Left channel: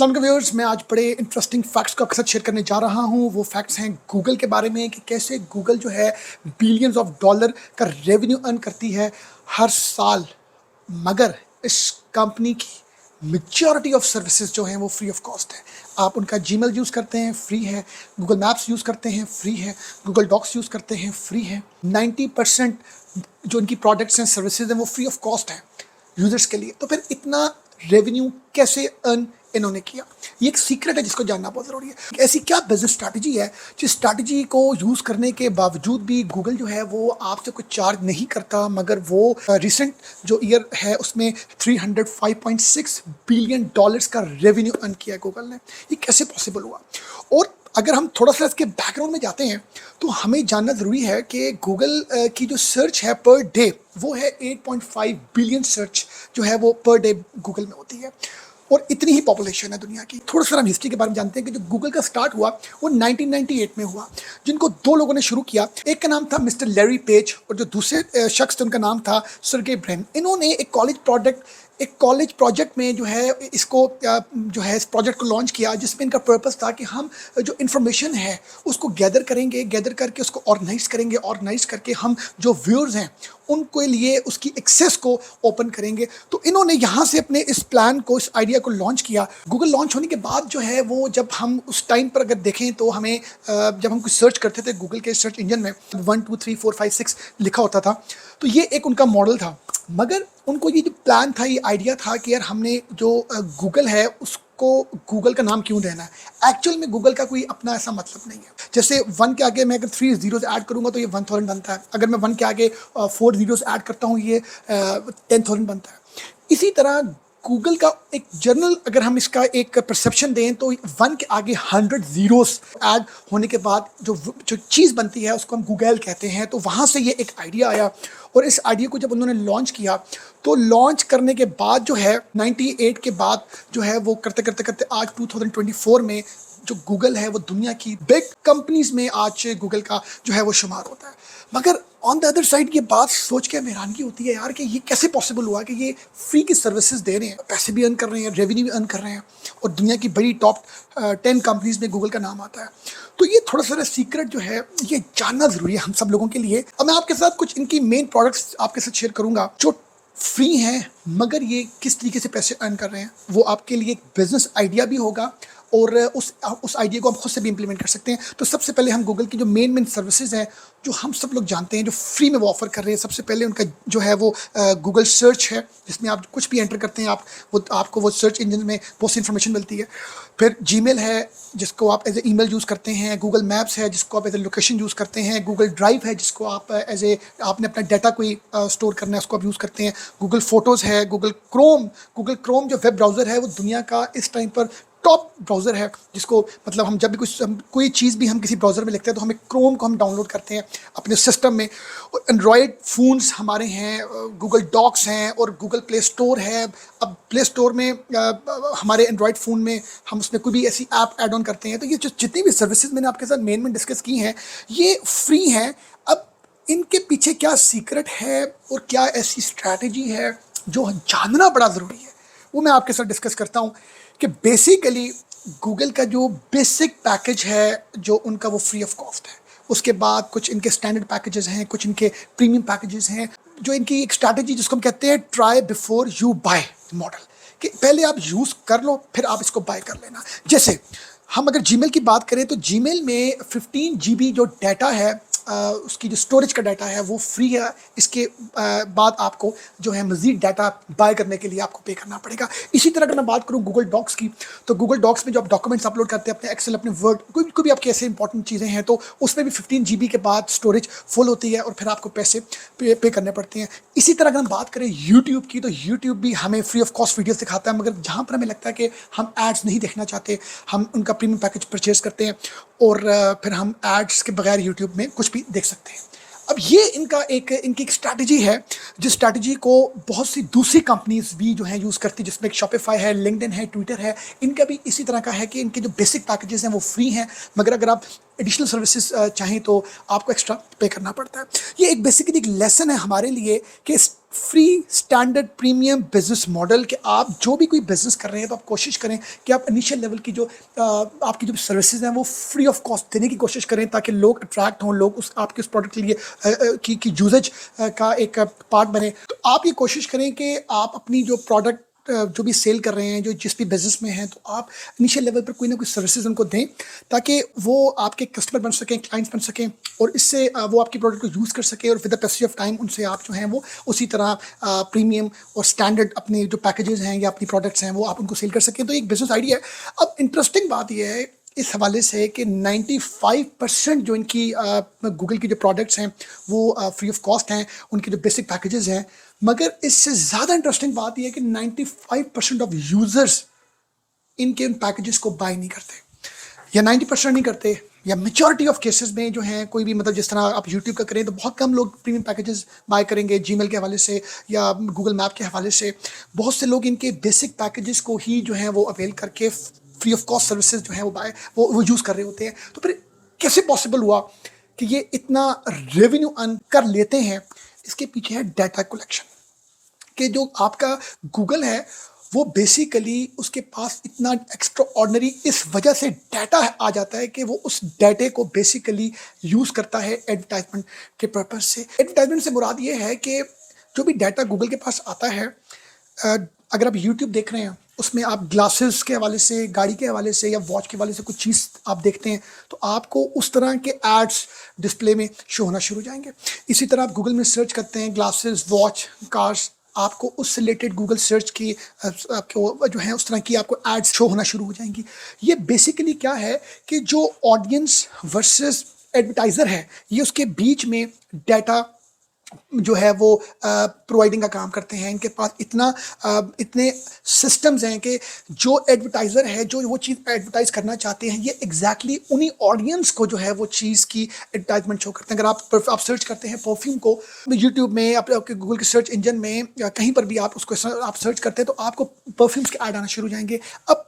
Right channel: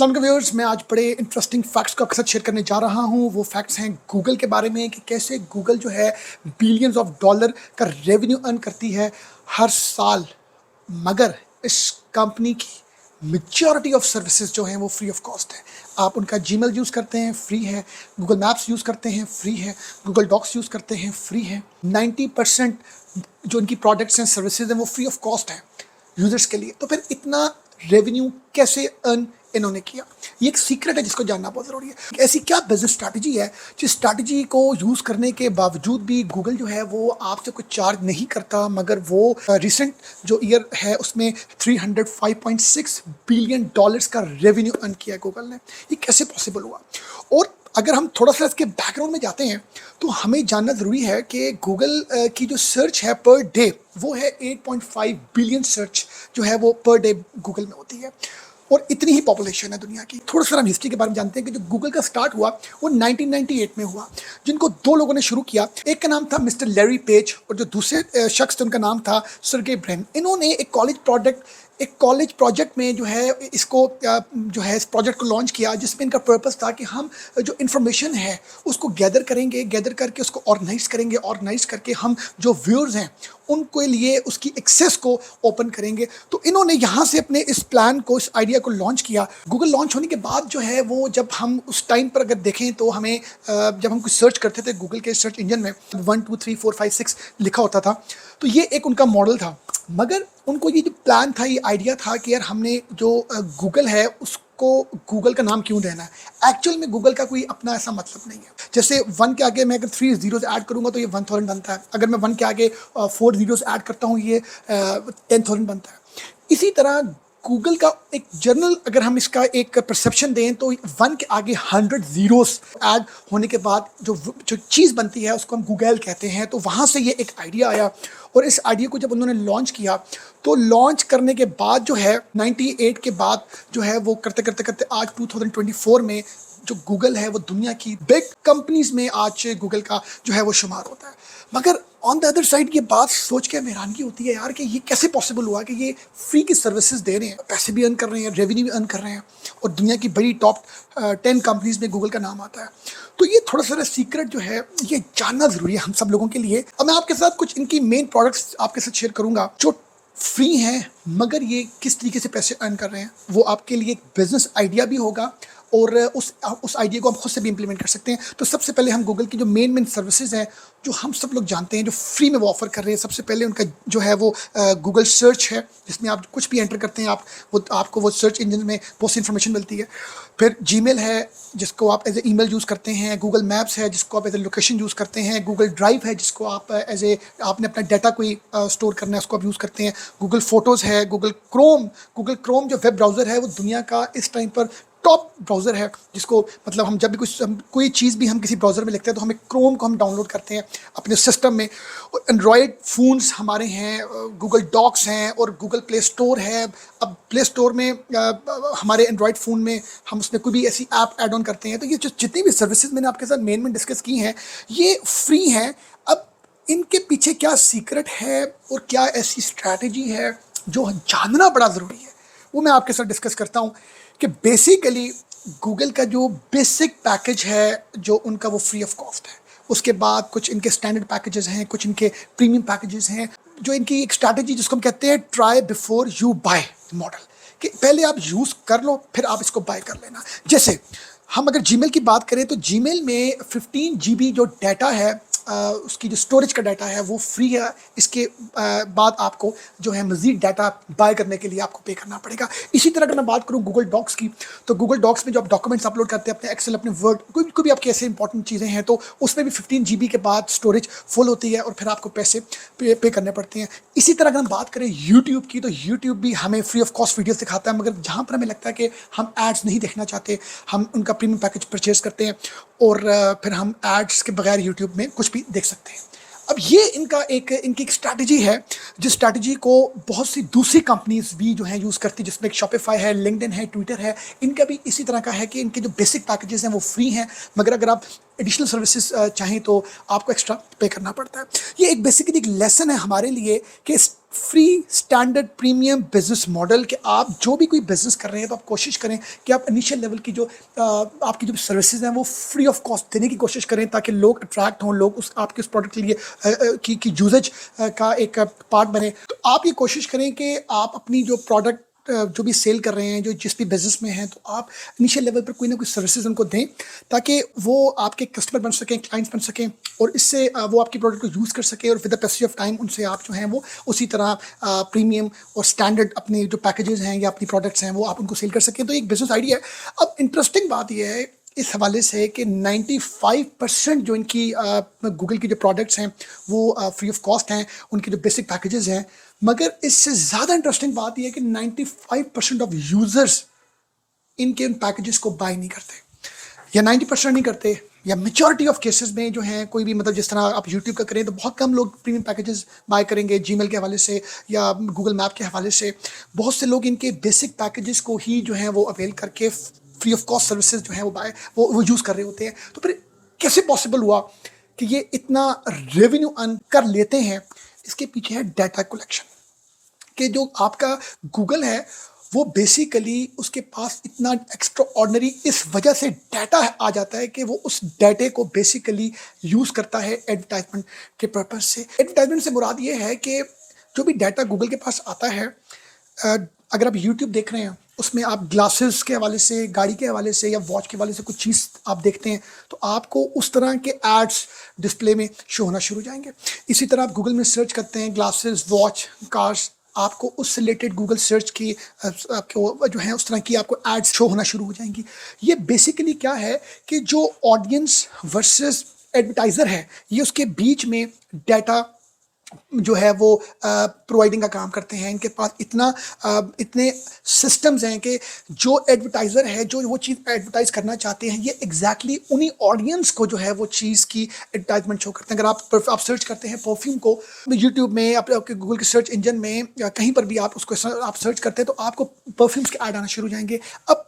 अस्सलाम वालेकुम व्यूअर्स, मैं आज बड़े इंटरेस्टिंग फैक्ट्स को आपके साथ शेयर करने जा रहा हूँ। वो फैक्ट्स हैं गूगल के बारे में कि कैसे गूगल जो है बिलियंस ऑफ डॉलर का रेवेन्यू अर्न करती है हर साल। मगर इस कंपनी की मेजॉरिटी ऑफ सर्विसेज जो हैं वो फ्री ऑफ कॉस्ट है। आप उनका जीमेल यूज़ करते हैं, फ्री है। गूगल मैप्स यूज़ करते हैं, फ्री है। गूगल डॉक्स यूज़ करते हैं, फ्री है। 90% जो इनकी प्रोडक्ट्स एंड सर्विसेज हैं वो फ्री ऑफ कॉस्ट है यूजर्स के लिए। तो फिर इतना रेवेन्यू कैसे अर्न इन्होंने किया, ये एक सीक्रेट है जिसको जानना बहुत जरूरी है। ऐसी क्या बिजनेस स्ट्रैटेजी है जिस स्ट्रैटेजी को यूज करने के बावजूद भी गूगल जो है वो आपसे कुछ चार्ज नहीं करता, मगर वो रिसेंट जो ईयर है उसमें 305.6 बिलियन डॉलर्स का रेवेन्यू अर्न किया गूगल ने। ये कैसे पॉसिबल हुआ? और अगर हम थोड़ा सा इसके बैकग्राउंड में जाते हैं तो हमें जानना ज़रूरी है कि गूगल की जो सर्च है पर डे वो है 8.5 बिलियन सर्च जो है वो पर डे गूगल में होती है, और इतनी ही पॉपुलेशन है दुनिया की। थोड़ा सा हम हिस्ट्री के बारे में जानते हैं कि जो गूगल का स्टार्ट हुआ वो 1998 में हुआ, जिनको दो लोगों ने शुरू किया। एक का नाम था मिस्टर लैरी पेज और जो दूसरे शख्स थे उनका नाम था सर्गे ब्रिन। इन्होंने एक कॉलेज प्रोजेक्ट में जो है इसको जो है इस प्रोजेक्ट को लॉन्च किया, जिसमें इनका पर्पस था कि हम जो इन्फॉर्मेशन है उसको गैदर करेंगे, गैदर करके उसको ऑर्गेनाइज करेंगे, ऑर्गेनाइज करके हम जो व्यूअर्स हैं उनके लिए उसकी एक्सेस को ओपन करेंगे। तो इन्होंने यहाँ से अपने इस प्लान को, इस आइडिया को लॉन्च किया। गूगल लॉन्च होने के बाद जो है वो, जब हम उस टाइम पर अगर देखें तो हमें जब हम कुछ सर्च करते थे गूगल के सर्च इंजन में 1 2 3 4 5 6 लिखा होता था, तो ये एक उनका मॉडल था। मगर उनको ये जो प्लान था, ये आइडिया था कि यार हमने जो गूगल है उसको गूगल का नाम क्यों देना है। एक्चुअल में गूगल का कोई अपना ऐसा मतलब नहीं है। जैसे 1 के आगे मैं अगर 3 जीरोस ऐड करूंगा तो ये 1000 बनता है। अगर मैं 1 के आगे 4 जीरोस ऐड करता हूँ ये 10,000 बनता है। इसी तरह गूगल का एक जर्नल, अगर हम इसका एक परसेप्शन दें तो 1 के आगे 100 जीरोस ऐड होने के बाद जो चीज़ बनती है उसको हम गूगल कहते हैं। तो वहाँ से ये एक आइडिया आया, और इस आइडिया को जब उन्होंने लॉन्च किया तो लॉन्च करने के बाद जो है 98 के बाद जो है वो करते करते करते आज 2024 में जो गूगल है वो दुनिया की बिग कंपनीज में आज गूगल का जो है वो शुमार होता है। मगर ऑन द अदर साइड ये बात सोच के हैरानगी होती है यार कि ये कैसे पॉसिबल हुआ कि ये फ्री की सर्विसेज दे रहे हैं, पैसे भी अर्न कर रहे हैं, रेवेन्यू भी अर्न कर रहे हैं, और दुनिया की बड़ी टॉप 10 कंपनीज में गूगल का नाम आता है। तो ये थोड़ा सा सीक्रेट जो है ये जानना जरूरी है हम सब लोगों के लिए। अब मैं आपके साथ कुछ इनकी मेन प्रोडक्ट्स आपके साथ शेयर करूंगा जो फ्री हैं, मगर ये किस तरीके से पैसे अर्न कर रहे हैं। वो आपके लिए एक बिजनेस आइडिया भी होगा, और उस आइडिया को हम खुद से भी इम्प्लीमेंट कर सकते हैं। तो सबसे पहले हम गूगल की जो मेन सर्विसेज है जो हम सब लोग जानते हैं, जो फ्री में ऑफर कर रहे हैं, सबसे पहले उनका जो है वो गूगल सर्च है, जिसमें आप कुछ भी एंटर करते हैं आपको वो सर्च इंजन में बहुत सी इन्फॉर्मेशन मिलती है। फिर जीमेल है जिसको आप एज ए ईमेल यूज़ करते हैं, गूगल मैप्स है जिसको आप एज ए लोकेशन यूज़ करते हैं, गूगल ड्राइव है जिसको आप एज ए आपने अपना डाटा कोई स्टोर करना है उसको आप यूज़ करते हैं, गूगल फोटोज़ है, गूगल क्रोम जो वेब ब्राउज़र है वो दुनिया का इस टाइम पर टॉप ब्राउज़र है, जिसको मतलब हम जब भी कोई चीज़ भी हम किसी ब्राउज़र में लिखते हैं तो हमें क्रोम को हम डाउनलोड करते हैं अपने सिस्टम में। और एंड्रॉयड फ़ोन्स हमारे हैं, गूगल डॉक्स हैं, और गूगल प्ले स्टोर है। अब प्ले स्टोर में हमारे एंड्रॉयड फ़ोन में हम उसमें कोई भी ऐसी ऐप ऐड ऑन करते हैं। तो ये जो जितनी भी सर्विसेज मैंने आपके साथ मेन में डिस्कस की हैं ये फ्री हैं। अब इनके पीछे क्या सीक्रेट है और क्या ऐसी स्ट्रैटेजी है जो जानना बड़ा ज़रूरी है, वो मैं आपके साथ डिस्कस करता हूँ। कि बेसिकली गूगल का जो बेसिक पैकेज है जो उनका वो फ्री ऑफ कॉस्ट है। उसके बाद कुछ इनके स्टैंडर्ड पैकेजेस हैं, कुछ इनके प्रीमियम पैकेजेस हैं। जो इनकी एक स्ट्रैटेजी जिसको हम कहते हैं try before you buy model, कि पहले आप यूज़ कर लो फिर आप इसको बाय कर लेना। जैसे हम अगर जीमेल की बात करें तो जीमेल में 15 GB जो डाटा है, उसकी जो स्टोरेज का डाटा है वो फ्री है। इसके बाद आपको जो है मज़ीद डाटा बाय करने के लिए आपको पे करना पड़ेगा। इसी तरह अगर मैं बात करूँ गूगल डॉक्स की, तो गूगल डॉक्स में जो आप डॉक्यूमेंट्स अपलोड करते हैं, अपने एक्सेल, अपने वर्ड, कोई भी आपकी ऐसे इंपॉर्टेंट चीज़ें हैं, तो उसमें भी 15 GB के बाद स्टोरेज फुल होती है और फिर आपको पैसे पे करने पड़ते हैं। इसी तरह अगर हम बात करें यूट्यूब की, तो यूट्यूब भी हमें फ्री ऑफ कॉस्ट वीडियोस दिखाता है, मगर जहाँ पर हमें लगता है कि हम एड्स नहीं देखना चाहते, हम उनका प्रीमियम पैकेज परचेज करते हैं और फिर हम एड्स के बगैर यूट्यूब में कुछ भी देख सकते हैं। अब ये इनकी एक स्ट्रैटेजी है, जिस स्ट्रैटेजी को बहुत सी दूसरी कंपनीज भी जो है यूज़ करती है, जिसमें एक शॉपिफाई है, लिंक्डइन है, ट्विटर है। इनका भी इसी तरह का है कि इनके जो बेसिक पैकेजेस हैं वो फ्री हैं, मगर अगर आप एडिशनल सर्विसेज चाहें तो आपको एक्स्ट्रा पे करना पड़ता है। ये एक बेसिकली एक लेसन है हमारे लिए कि free standard premium business model कि आप जो भी कोई बिजनेस कर रहे हैं तो आप कोशिश करें कि आप इनिशियल लेवल की जो आपकी जो सर्विसेज हैं वो फ्री ऑफ कॉस्ट देने की कोशिश करें, ताकि लोग अट्रैक्ट हों, लोग उस आपके उस प्रोडक्ट के लिए की यूजेज का एक पार्ट बने। तो आप ये कोशिश करें कि आप अपनी जो प्रोडक्ट जो भी सेल कर रहे हैं, जो जिस भी बिजनेस में हैं, तो आप इनिशियल लेवल पर कोई ना कोई सर्विसेज उनको दें ताकि वो आपके कस्टमर बन सकें, क्लाइंट्स बन सकें, और इससे वो आपके प्रोडक्ट को यूज़ कर सकें, और with the passage of time उनसे आप जो हैं वो उसी तरह प्रीमियम और स्टैंडर्ड अपने जो पैकेजेस हैं या अपनी प्रोडक्ट्स हैं वो आप उनको सेल कर सकें। तो एक बिजनेस आइडिया है। अब इंटरेस्टिंग बात यह है इस हवाले से कि 95% जो इनकी गूगल की जो प्रोडक्ट्स हैं वो फ्री ऑफ कॉस्ट हैं, उनकी जो बेसिक पैकेजेस हैं। मगर इससे ज़्यादा इंटरेस्टिंग बात यह है कि 95% ऑफ यूज़र्स इनके इन पैकेजेस को बाय नहीं करते, या 90% नहीं करते, या मेजॉरिटी ऑफ केसेस में जो है कोई भी मतलब जिस तरह आप यूट्यूब का करें तो बहुत कम लोग प्रीमियम पैकेजेस बाय करेंगे जीमेल के हवाले से या गूगल मैप के हवाले से। बहुत से लोग इनके बेसिक पैकेजेस को ही जो है वो अवेल करके फ्री ऑफ कॉस्ट सर्विसेज जो है वो यूज़ कर रहे होते हैं। तो फिर कैसे पॉसिबल हुआ कि ये इतना रेवेन्यू अर्न कर लेते हैं? इसके पीछे है डाटा कलेक्शन। कि जो आपका गूगल है वो बेसिकली उसके पास इतना एक्स्ट्रा ऑर्डनरी इस वजह से डाटा आ जाता है कि वो उस डाटे को बेसिकली यूज़ करता है एडवर्टाइजमेंट के पर्पज से। एडवर्टाइजमेंट से मुराद ये है कि जो भी डाटा गूगल के पास आता है, अगर आप यूट्यूब देख रहे हैं उसमें आप ग्लासेस के हवाले से, गाड़ी के हवाले से या वॉच के हवाले से कुछ चीज़ आप देखते हैं तो आपको उस तरह के एड्स डिस्प्ले में शो होना शुरू हो जाएंगे। इसी तरह आप गूगल में सर्च करते हैं ग्लासेस, वॉच, कार्स, आपको उस रिलेटेड गूगल सर्च की आपको जो है उस तरह की आपको एड्स शो होना शुरू हो जाएंगी। ये बेसिकली क्या है कि जो ऑडियंस वर्सेस एडवर्टाइज़र है, ये उसके बीच में डाटा जो है वो प्रोवाइडिंग का काम करते हैं। इनके पास इतने सिस्टम्स हैं कि जो एडवर्टाइज़र है जो वो चीज़ एडवर्टाइज करना चाहते हैं, ये एग्जैक्टली उन्हीं ऑडियंस को जो है वो चीज़ की एडवर्टाइजमेंट शो करते हैं। अगर आप सर्च करते हैं परफ्यूम को यूट्यूब में, आपके गूगल के सर्च इंजन में या कहीं पर भी आप उसको आप सर्च करते हैं तो आपको परफ्यूम्स के ऐड आना शुरू हो जाएंगे। अब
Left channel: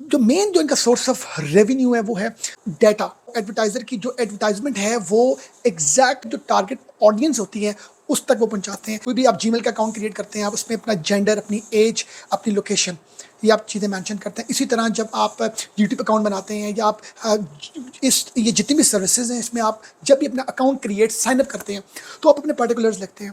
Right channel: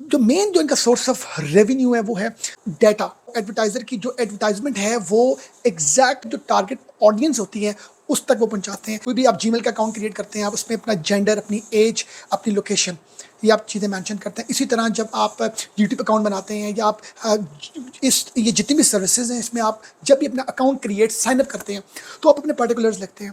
जो मेन जो इनका सोर्स ऑफ रेवेन्यू है वो है डाटा। एडवर्टाइजर की जो एडवर्टाइजमेंट है वो एग्जैक्ट जो टारगेट ऑडियंस होती है उस तक वो पहुंचाते हैं। कोई भी आप जीमेल का अकाउंट क्रिएट करते हैं, आप उसमें अपना जेंडर, अपनी एज, अपनी लोकेशन, ये आप चीज़ें मेंशन करते हैं। इसी तरह जब आप यूट्यूब अकाउंट बनाते हैं या आप ये जितनी भी सर्विसेज हैं इसमें आप जब भी अपना अकाउंट क्रिएट साइन अप करते हैं तो आप अपने पर्टिकुलर्स लिखते हैं।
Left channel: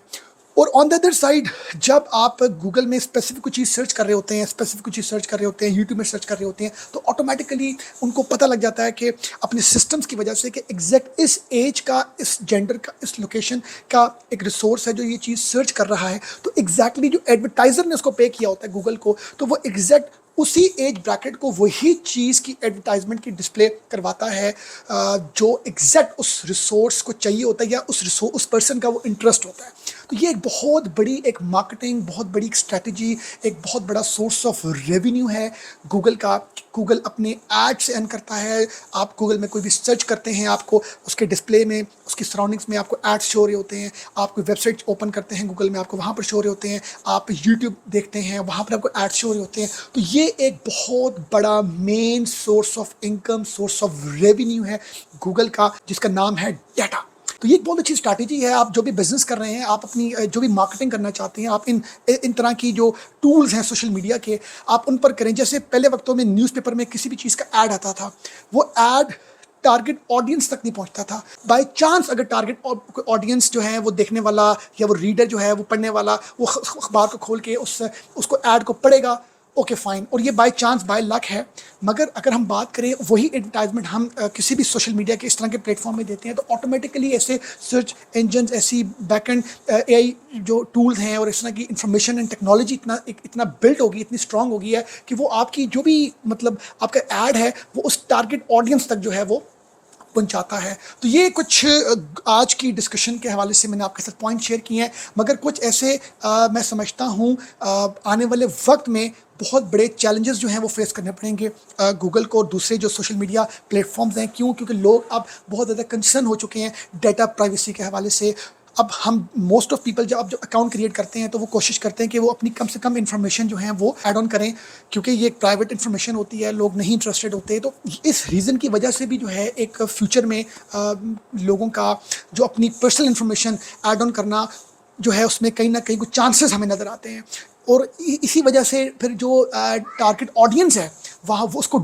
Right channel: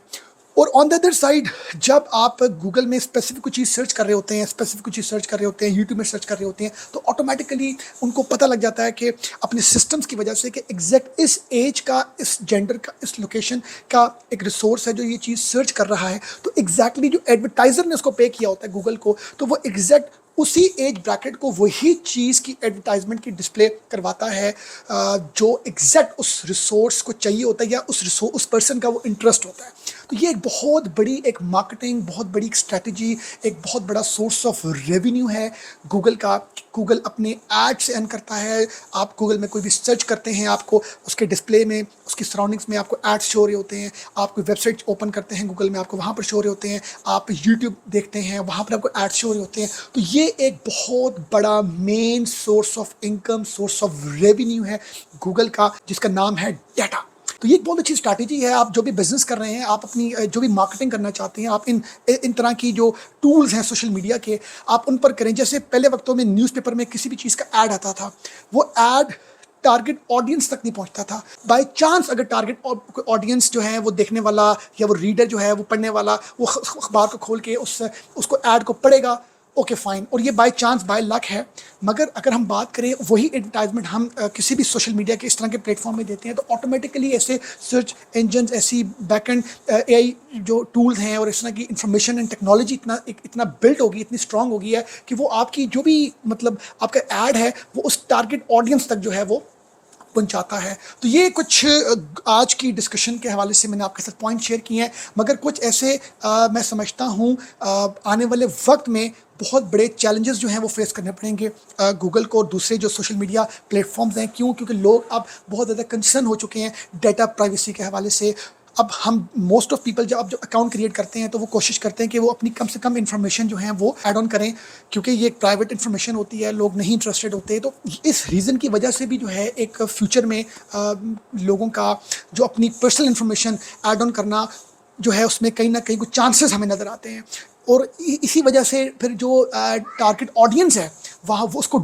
और ऑन द अदर साइड जब आप गूगल में स्पेसिफिक कुछ चीज़ सर्च कर रहे होते हैं, स्पेसिफिक कुछ चीज़ सर्च कर रहे होते हैं, यूट्यूब में सर्च कर रहे होते हैं, तो ऑटोमेटिकली उनको पता लग जाता है कि अपने सिस्टम्स की वजह से कि एग्जैक्ट इस एज का, इस जेंडर का, इस लोकेशन का एक रिसोर्स है जो ये चीज़ सर्च कर रहा है। तो एग्जैक्टली जो एडवर्टाइजर ने उसको पे किया होता है गूगल को, तो वो एग्जैक्ट उसी एज ब्रैकेट को वही चीज़ की एडवर्टाइजमेंट की डिस्प्ले करवाता है जो एग्जैक्ट उस रिसोर्स को चाहिए होता है या उस पर्सन का वो इंटरेस्ट होता है। तो ये एक बहुत बड़ी एक मार्केटिंग, बहुत बड़ी एक स्ट्रेटजी, एक बहुत बड़ा सोर्स ऑफ रेवेन्यू है गूगल का। गूगल अपने ऐड से अर्न करता है। आप गूगल में कोई भी सर्च करते हैं, आपको उसके डिस्प्ले में, उसकी सराउंडिंग्स में आपको एड्स शो हो रहे होते हैं। आप कोई वेबसाइट ओपन करते हैं गूगल में, आपको वहाँ पर शो हो रहे होते हैं। आप यूट्यूब देखते हैं, वहाँ पर आपको एड्स शो हो रहे होते हैं। तो ये एक बहुत बड़ा main source of income, source of revenue है गूगल का, जिसका नाम है डाटा। तो ये एक बहुत अच्छी स्ट्रैटेजी है। आप जो भी बिजनेस कर रहे हैं, आप अपनी जो भी मार्केटिंग करना चाहते हैं, आप इन तरह की जो टूल्स हैं सोशल मीडिया के, आप उन पर करें। जैसे पहले वक्तों में न्यूज़पेपर में किसी भी चीज़ का ऐड आता था, वो ऐड टारगेट ऑडियंस तक नहीं पहुंचता था। बाय चांस अगर टारगेट ऑडियंस जो है वो देखने वाला या वो रीडर जो है वो पढ़ने वाला, वो अखबार को खोल के उसको ऐड को पढ़ेगा, ओके फाइन, और ये बाय चांस, बाय लक है। मगर अगर हम बात करें वही एडवर्टाइजमेंट हम किसी भी सोशल मीडिया के इस तरह के प्लेटफॉर्म में देते हैं, तो ऑटोमेटिकली ऐसे सर्च इंजन, ऐसी बैकएंड एआई जो टूल्स हैं और इस तरह की इंफॉर्मेशन एंड टेक्नोलॉजी इतना बिल्ट होगी, इतनी स्ट्रांग होगी है कि वो आपकी जो भी मतलब आपका ऐड है वो उस टारगेट ऑडियंस तक जो है वो पहुंचाता है। तो ये कुछ आज की डिस्कशन के हवाले से मैंने आपके साथ पॉइंट शेयर किए। मगर कुछ ऐसे मैं समझता हूँ आने वाले वक्त में बहुत बड़े चैलेंजेस जो हैं वो फेस करने पड़ेंगे गूगल को और दूसरे जो सोशल मीडिया प्लेटफॉर्म्स हैं। क्यों? क्योंकि लोग अब बहुत ज़्यादा कंसर्न हो चुके हैं डाटा प्राइवेसी के हवाले से। अब हम मोस्ट ऑफ पीपल जब अकाउंट क्रिएट करते हैं तो वो कोशिश करते हैं कि वो अपनी कम से कम इन्फॉर्मेशन जो है वो ऐड ऑन करें, क्योंकि ये एक प्राइवेट इन्फॉर्मेशन होती है, लोग नहीं इंटरेस्टेड होते। तो इस रीज़न की वजह से भी जो है एक फ्यूचर में लोगों का जो अपनी पर्सनल इन्फॉर्मेशन ऐड ऑन करना जो है उसमें कहीं ना कहीं कुछ चांसेस हमें नज़र आते हैं। और इसी वजह से फिर जो टारगेट ऑडियंस है वहाँ वो उसको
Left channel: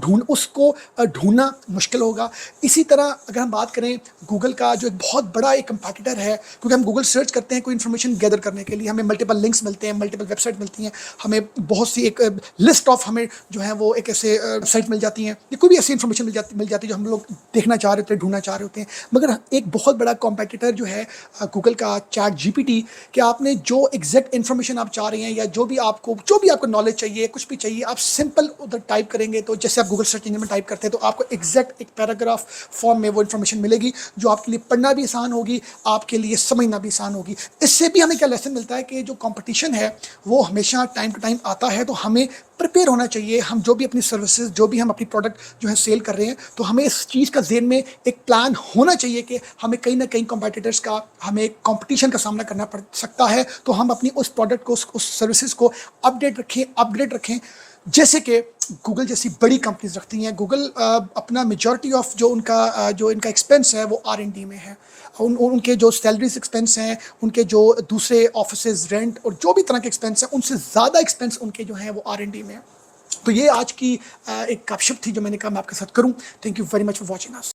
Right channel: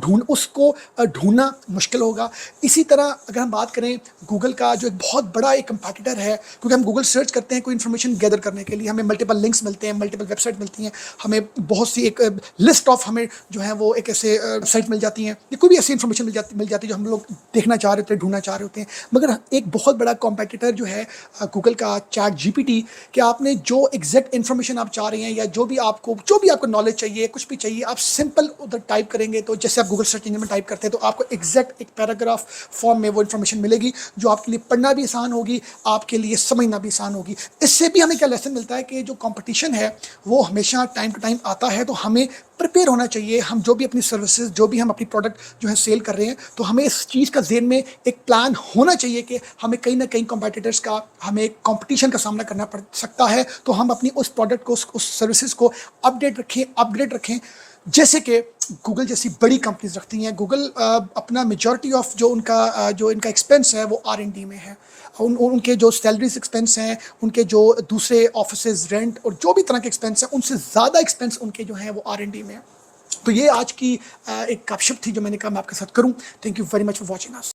ढूंढना मुश्किल होगा। इसी तरह अगर हम बात करें गूगल का जो एक बहुत बड़ा एक कंपैटिटर है, क्योंकि हम गूगल सर्च करते हैं कोई इन्फॉर्मेशन गैदर करने के लिए, हमें मल्टीपल लिंक्स मिलते हैं, मल्टीपल वेबसाइट मिलती हैं, हमें बहुत सी एक लिस्ट ऑफ हमें जो है वो एक ऐसे वेबसाइट मिल जाती हैं या कोई भी ऐसी इन्फॉर्मेशन मिल जाती है जो हम लोग देखना चाह रहे होते हैं, ढूंढना चाह रहे होते हैं। मगर एक बहुत बड़ा कॉम्पिटिटर जो है गूगल का चैट जीपीटी, कि आपने जो एग्जैक्ट इन्फॉर्मेशन आप चाह रहे हैं या जो भी आपको नॉलेज चाहिए, कुछ भी चाहिए, आप सिंपल उधर टाइप करेंगे तो जैसे आप गूगल सर्च इंजन में टाइप करते हैं तो आपको एग्जैक्ट एक पैराग्राफ फॉर्म में वो इन्फॉर्मेशन मिलेगी, जो आपके लिए पढ़ना भी आसान होगी, आपके लिए समझना भी आसान होगी। इससे भी हमें क्या लेसन मिलता है कि जो कंपटीशन है वो हमेशा टाइम टू टाइम आता है, तो हमें प्रिपेयर होना चाहिए। हम जो भी अपनी सर्विसेज, जो भी हम अपनी प्रोडक्ट जो है सेल कर रहे हैं, तो हमें इस चीज़ का ज़हन में एक प्लान होना चाहिए कि हमें कहीं ना कहीं कॉम्पिटिटर्स का, हमें कंपटीशन का सामना करना पड़ सकता है। तो हम अपनी उस प्रोडक्ट को, उस सर्विसेज को अपडेट रखें। जैसे कि गूगल जैसी बड़ी कंपनीज रखती हैं। गूगल अपना मेजॉरिटी ऑफ जो इनका एक्सपेंस है वो R&D में है। उनके जो सैलरीज एक्सपेंस हैं, उनके जो दूसरे ऑफिसेज रेंट और जो भी तरह के एक्सपेंस हैं, उनसे ज़्यादा एक्सपेंस उनके जो है वो R&D में है। तो ये आज की एक गपशप थी जो मैंने कहा मैं आपके साथ करूं। Thank you very much for watching us.